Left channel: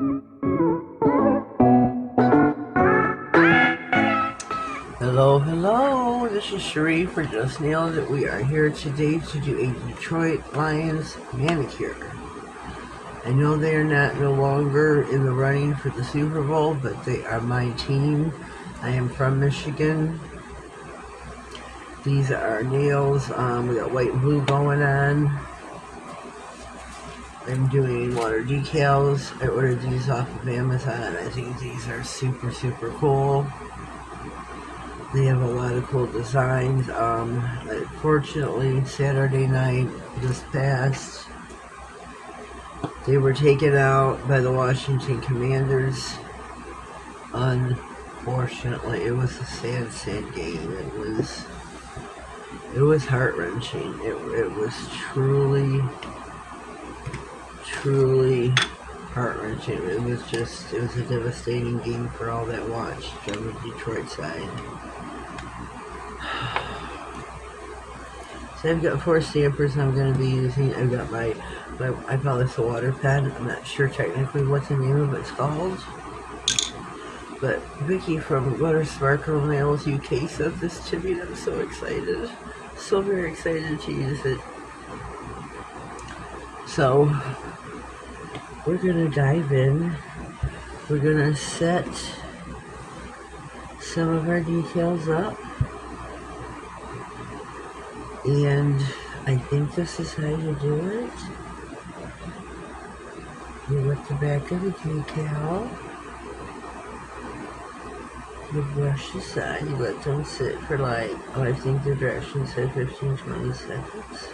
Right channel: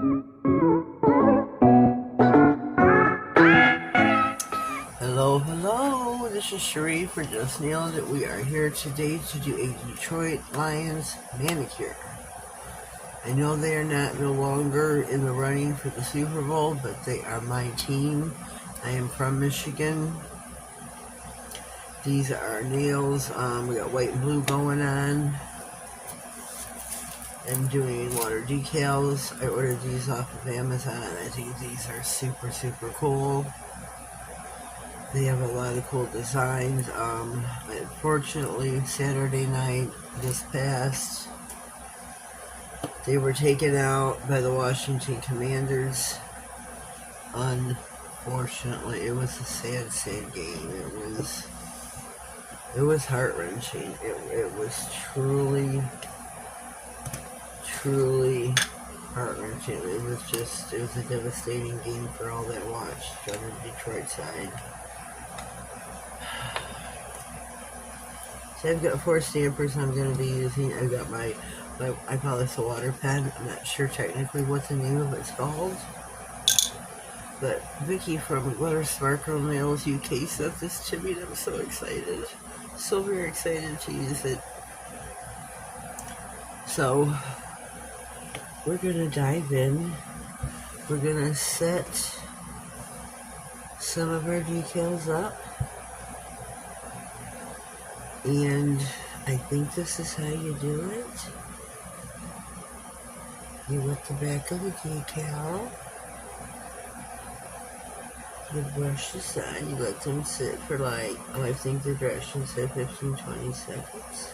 Hello, this is Sheree for Just Nailed It. We are here today to do a Detroit Lions manicure. I know they're no longer in the running for the Super Bowl, but they are my team. I am from Michigan. These are nails. We got white and blue going on. I'm doing water decals. I ordered these off of Amazon. I think these are super, super cool. They have a lot of cool designs. Unfortunately, Saturday night just passed, they were taken out by the Washington Commanders. Unfortunately, it was a sad, sad game. It was heart-wrenching. It was truly heart-wrenching. It was a devastating game for all that watched on the Detroit side. So I've got 4 stampers I'm going to be using. I've got my I call this a water pen. I'm not sure technically what the name of it's called. But Vicky from Glitter Sparkle Nails UK sent this to me and I'm so excited. So very excited to use it. So we're going to dive in. We're going to set some of our decals up. And I think this is how you do it. You wet the back of the decal. You brush the side. You let them sit for like, I think the direction said 15-20 seconds.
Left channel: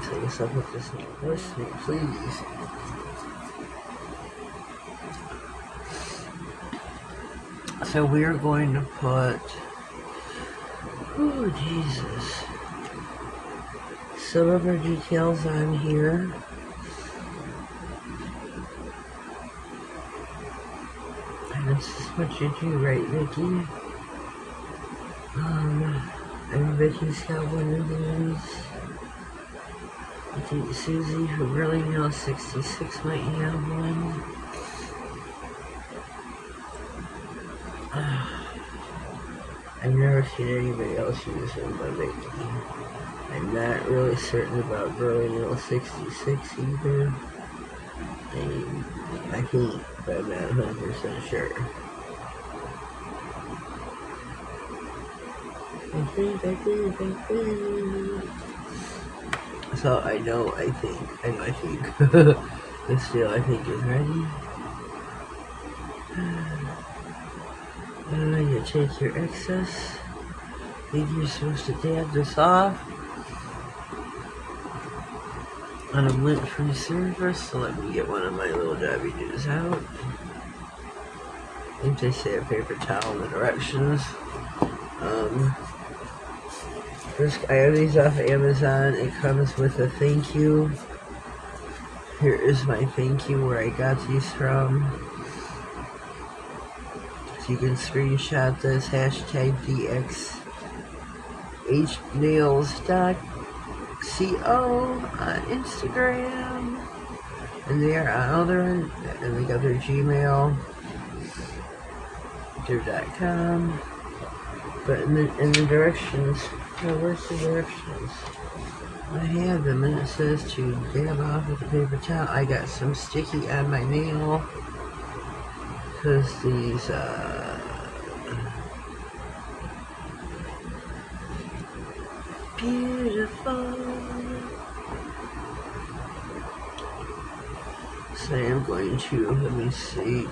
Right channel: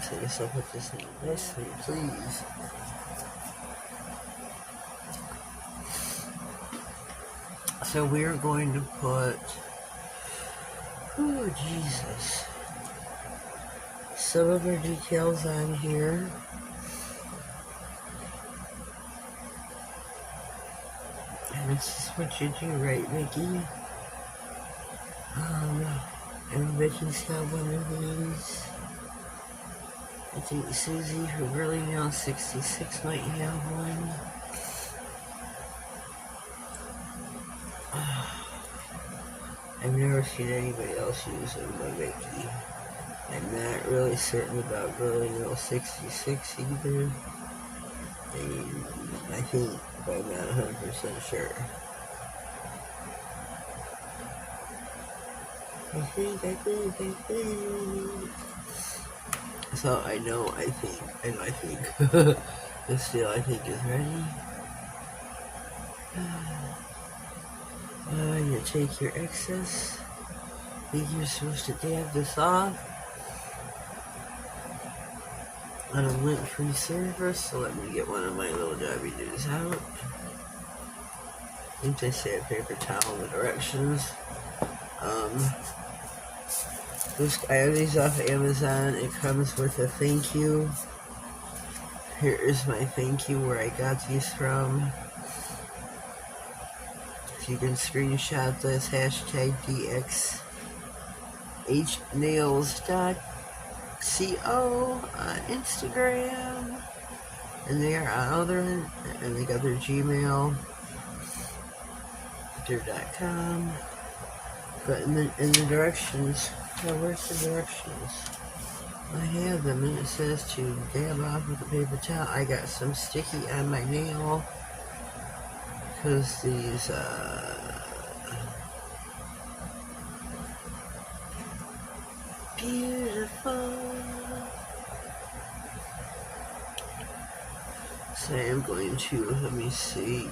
So you stop with this nice, please. So we are going to put, oh Jesus, some of our decals on here. And this is what you do, right, Vicky? And Vicky's got one of these. I think Susie, who really knows 66, might have one. I've never seen anybody else use them but Vicky. I'm not really certain about Girly Nail 66 either. I mean, I think, but I'm not 100% sure. I think. So I know, I think. This deal, I think, is ready. You take your excess. I think you're supposed to dab this off on a lint-free surface. So let me get one of my little dabby doos out. I think they say a paper towel in the directions. I have these off Amazon. It comes with a thank you. Here is my thank you where I got these from. You can screenshot this, hashtag DXHnails.co on Instagram. And they are on other end, and they got their Gmail, their .com. But in the directions, where's the directions? I have them, and it says to dab off with a paper towel. I got some sticky on my nail. Because these, beautiful. So I'm going to, let me see.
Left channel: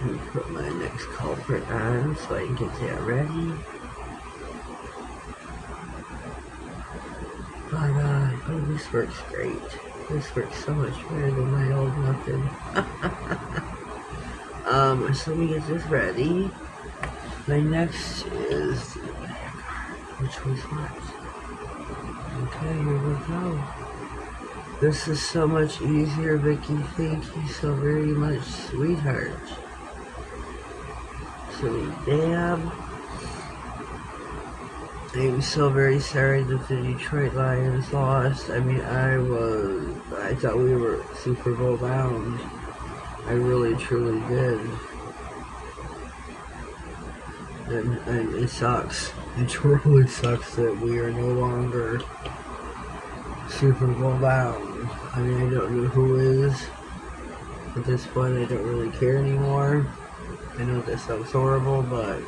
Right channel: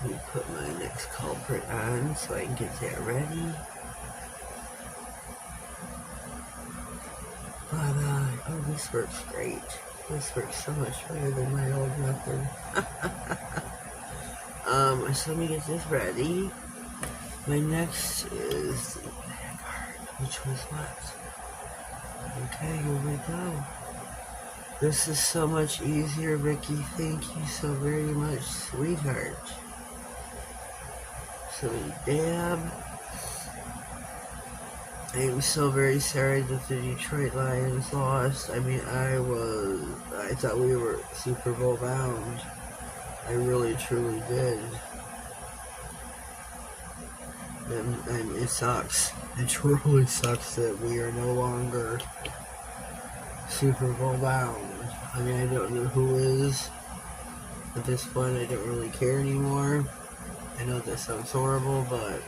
Let me put my next culprit on so I can get that ready. But, oh, this works great. This works so much better than my old method. So let me get this ready. My next is the Makartt, which was what? Okay, here we go. This is so much easier, Vicky. Thank you so very much, sweetheart. So we dab. I'm so very sorry that the Detroit Lions lost. I mean, I thought we were Super Bowl bound. I really, truly did. And it sucks. It really sucks that we are no longer Super Bowl bound. I mean, I don't know who is. At this point, I don't really care anymore. I know that sounds horrible, but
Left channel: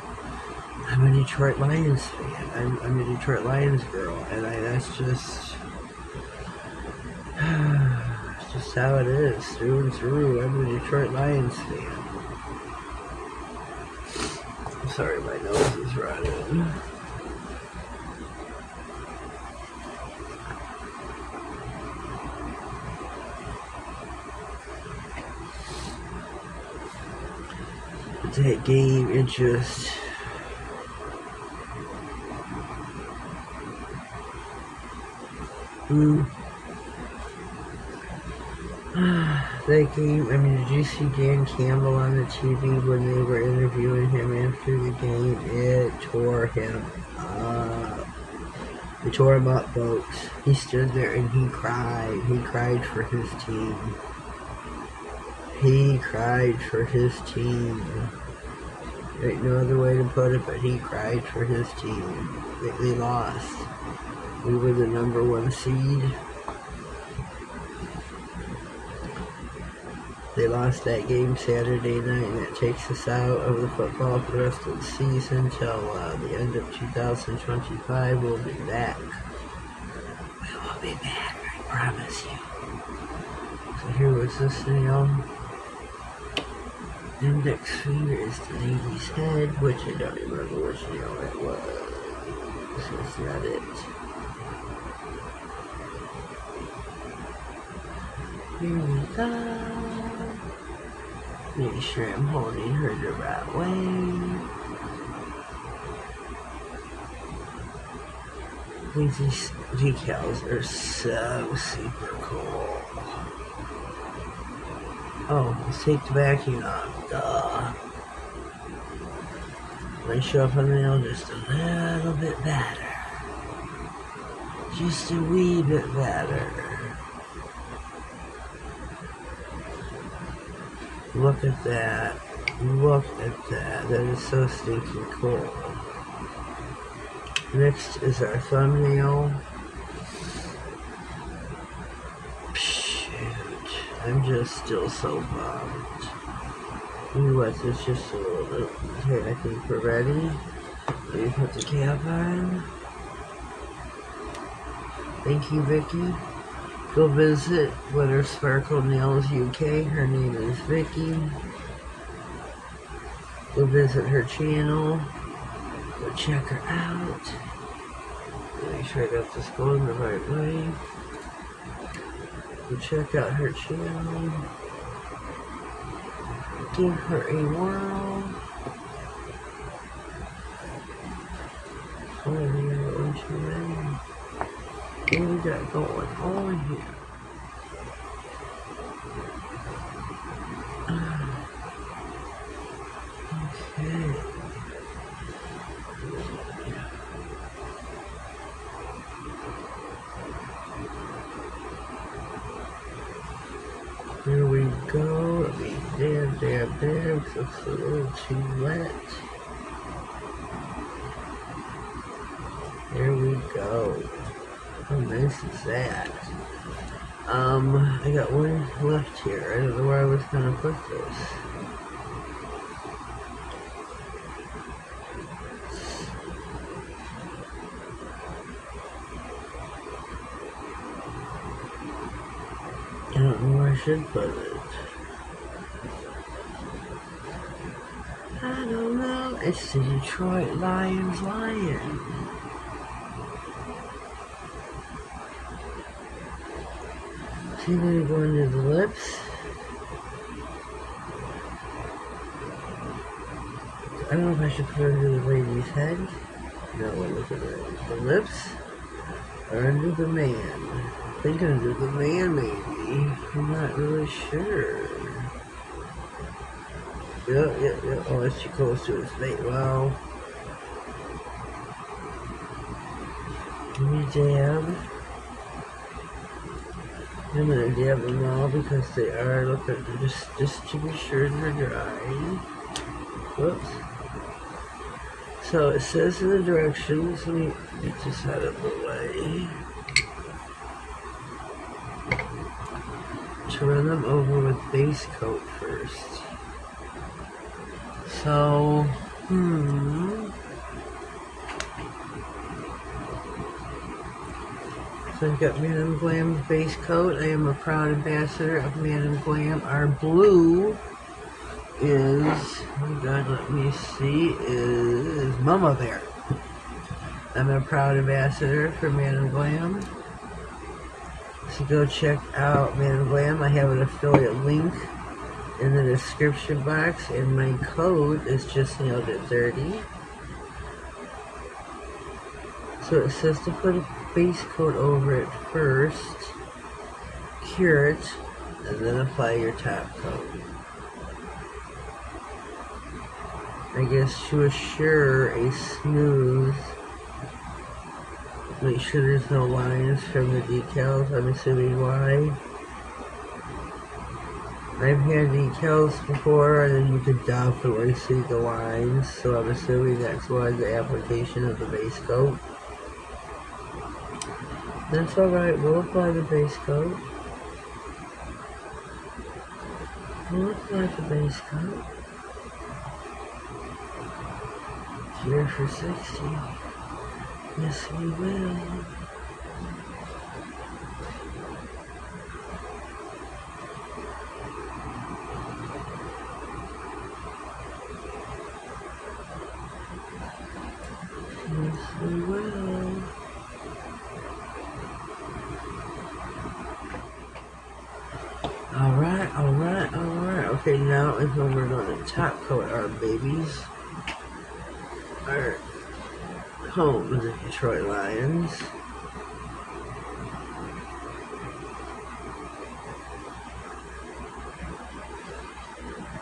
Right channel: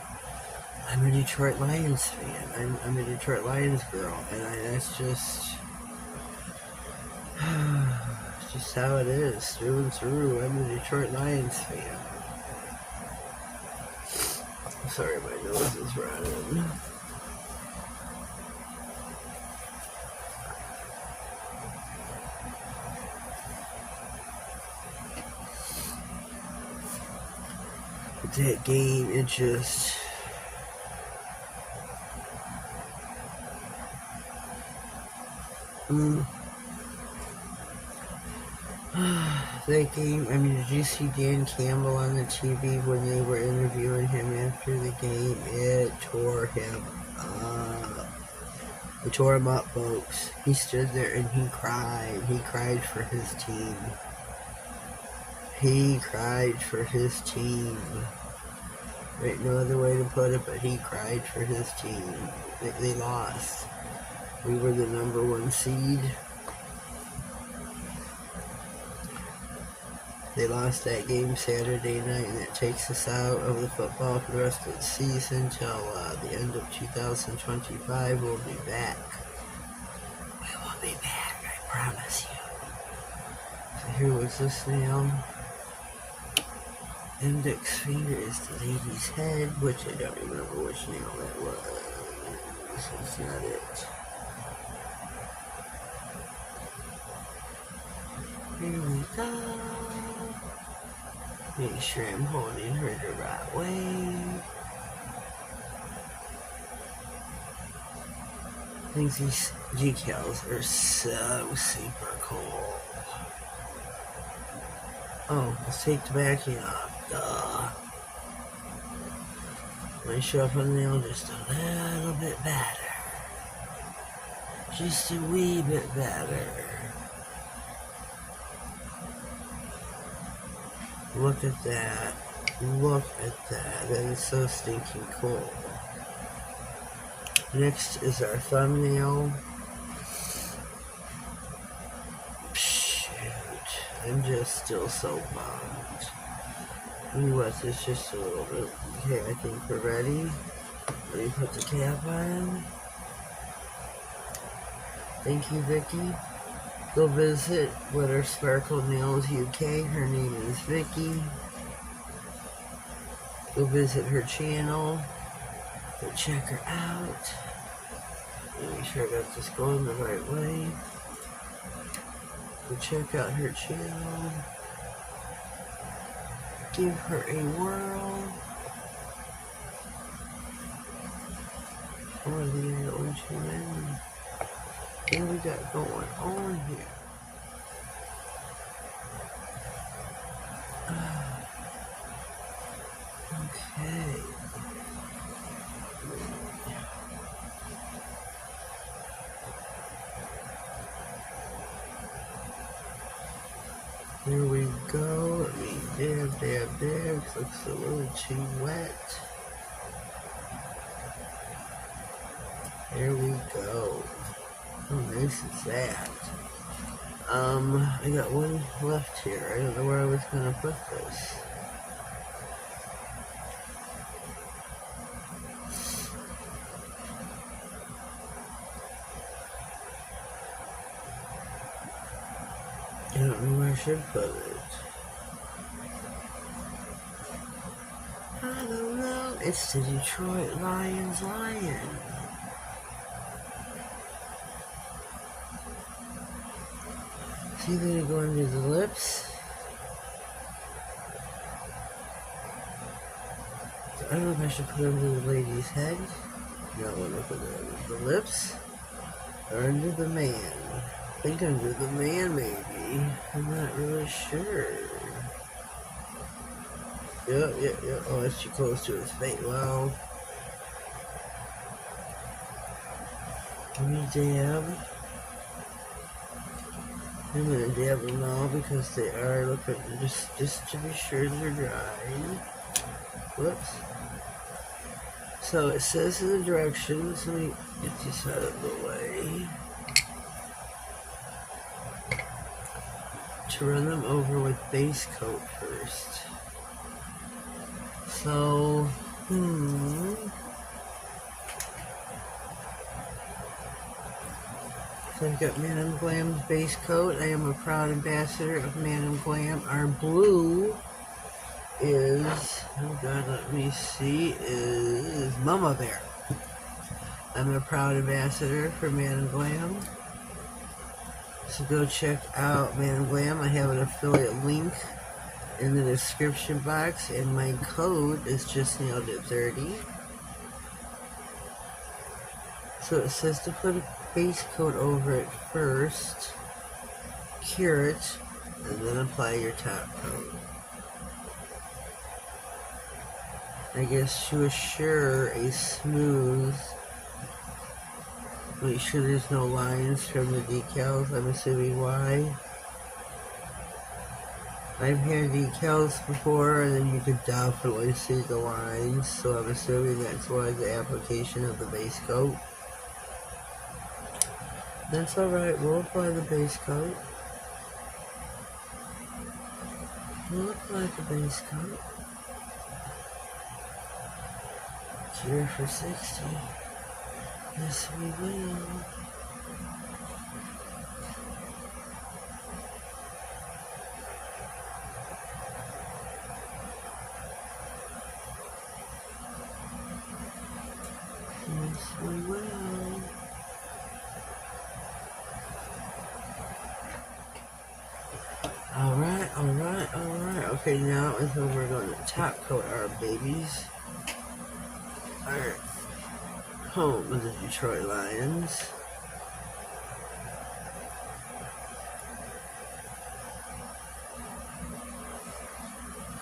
I'm a Detroit Lions fan. I'm a Detroit Lions girl, and that's just it's just how it is, through and through. I'm a Detroit Lions fan. I'm sorry, my nose is running. But that game, it just... That game, I mean, did you see Dan Campbell on the TV when they were interviewing him after the game? It tore him up. It tore him up, folks. He stood there and he cried. He cried for his team. He cried for his team. There ain't no other way to put it, but he cried for his team. They lost. We were the #1 seed. They lost that game Saturday night, and that takes us out of the football for the rest of the season till the end of 2025. We'll be back. We will be back, I promise you. So here was this nail. Index finger is the lady's head, which I don't remember which nail that was. So it's not it. Here we go. Make sure I'm holding her the right way. I think these decals are so super cool. Oh, let's take the backing off. Duh. Let's show up on the nail just a little bit better. Just a wee bit better. Look at that. Look at that. That is so stinking cool. Next is our thumbnail. Shoot. I'm just still so bummed. Ooh, what's this? Just a little bit. Okay, I think we're ready. Let me put the cap on. Thank you, Vicky. Go visit Glitter Sparkle Nails UK. Her name is Vicky. Go visit her channel. Go check her out. Make sure I got this going the right way. Go check out her channel. Give her a whirl. Oh, there, one too many. What do we got going on here? Okay. There we go. Let me dab, because it's a little too wet. There we go. How nice is that? I got one left here. I don't know where I was gonna put this. I don't know where I should put it. I don't know. It's the Detroit Lions lion. See that it going to the lips? I don't know if I should put it under the lady's head. No, look at the lips. Or under the man. I think under the man, maybe. I'm not really sure. Yep. Oh, it's too close to his face. Well, Let me dab. I'm gonna dab them all because they are looking just to be sure they're dry. Whoops. So it says in the directions, let me get this out of the way. To run them over with base coat first. So, So I've got Madam Glam's base coat. I am a proud ambassador of Madam Glam. Our blue is, oh God, let me see, is Mama Bear. I'm a proud ambassador for Madam Glam. So go check out Madam Glam. I have an affiliate link in the description box, and my code is Just.nailedit 30. So it says to put a base coat over it first, cure it, and then apply your top coat. I guess to assure a smooth, make sure there's no lines from the decals, I'm assuming why. I've had decals before and then you could definitely see the lines, so I'm assuming that's why the application of the base coat. That's alright, we'll apply the base coat. We'll apply the base coat. Cure for 60. Yes, we will. Yes, we will. Alright. Okay, now is when we're going to top coat our babies. Our home of the Detroit Lions.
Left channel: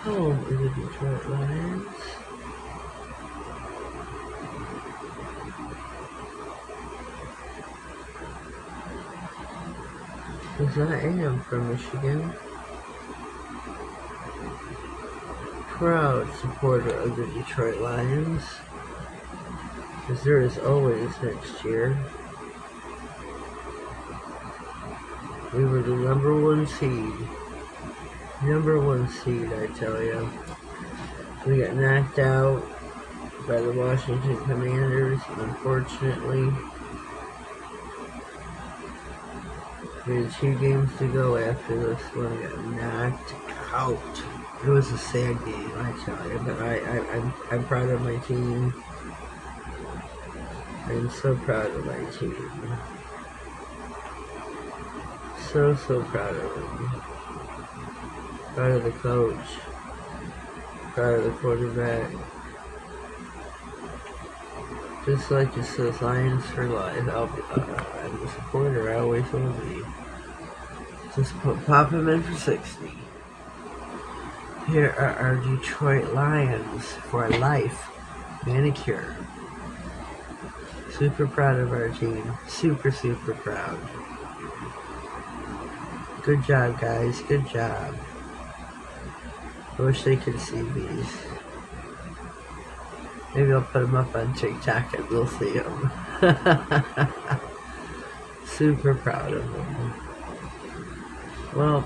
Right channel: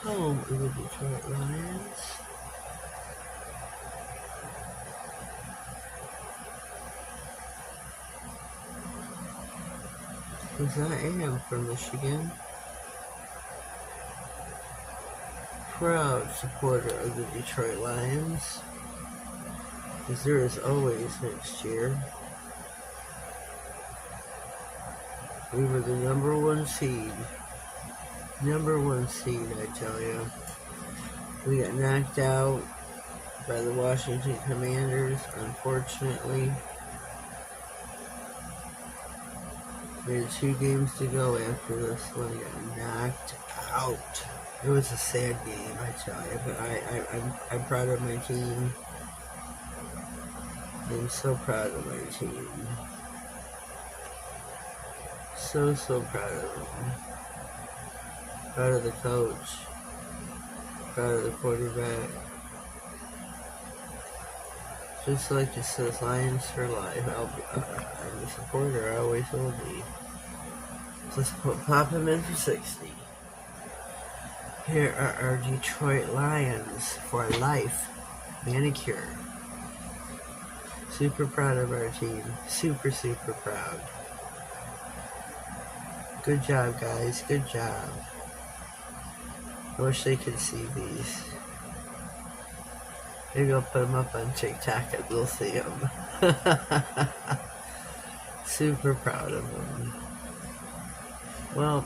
Home of the Detroit Lions. Because I am from Michigan. Proud supporter of the Detroit Lions. Because there is always next year. We were the number one seed. Number one seed, I tell you. We got knocked out by the Washington Commanders, unfortunately. We had 2 games to go after this one. I got knocked out. It was a sad game, I tell you, but I'm proud of my team. I'm so proud of my team. So proud of them. Proud of the coach. Proud of the quarterback. Just like it says, Lions for life. I'm a supporter, I always will be. Just pop him in for 60. Here are our Detroit Lions for life manicure. Super proud of our team. Super proud. Good job, guys. Good job. I wish they could see these. Maybe I'll put them up on TikTok and they'll see them. Super proud of them. Well,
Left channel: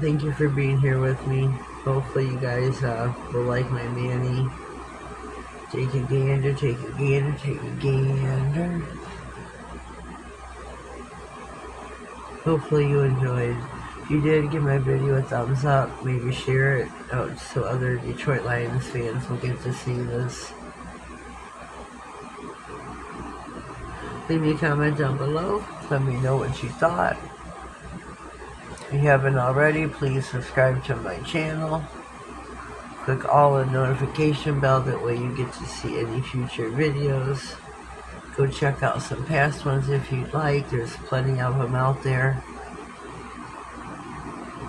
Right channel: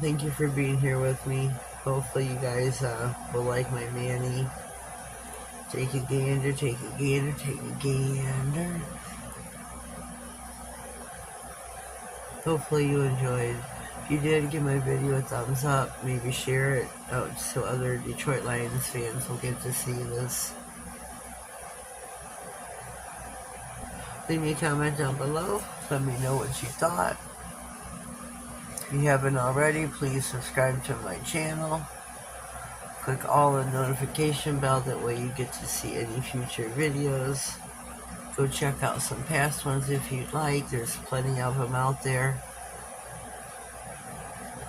thank you for being here with me. Hopefully you guys will like my Manny. Take a gander, take a gander, take a gander. Hopefully you enjoyed. If you did, give my video a thumbs up. Maybe share it out so other Detroit Lions fans will get to see this. Leave me a comment down below. Let me know what you thought. If you haven't already, please subscribe to my channel. Click all the notification bell, that way you get to see any future videos. Go check out some past ones if you'd like. There's plenty of them out there.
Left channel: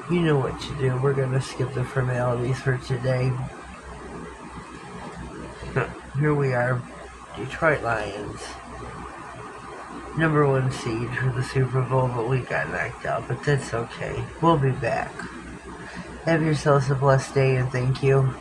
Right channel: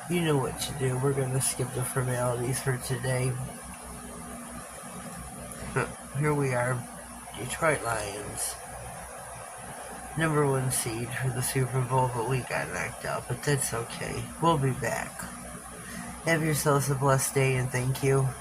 You know what to do. We're going to skip the formalities for today. Here we are, Detroit Lions. number one seed for the Super Bowl, but we got knocked out. But that's okay. We'll be back. Have yourselves a blessed day, and thank you.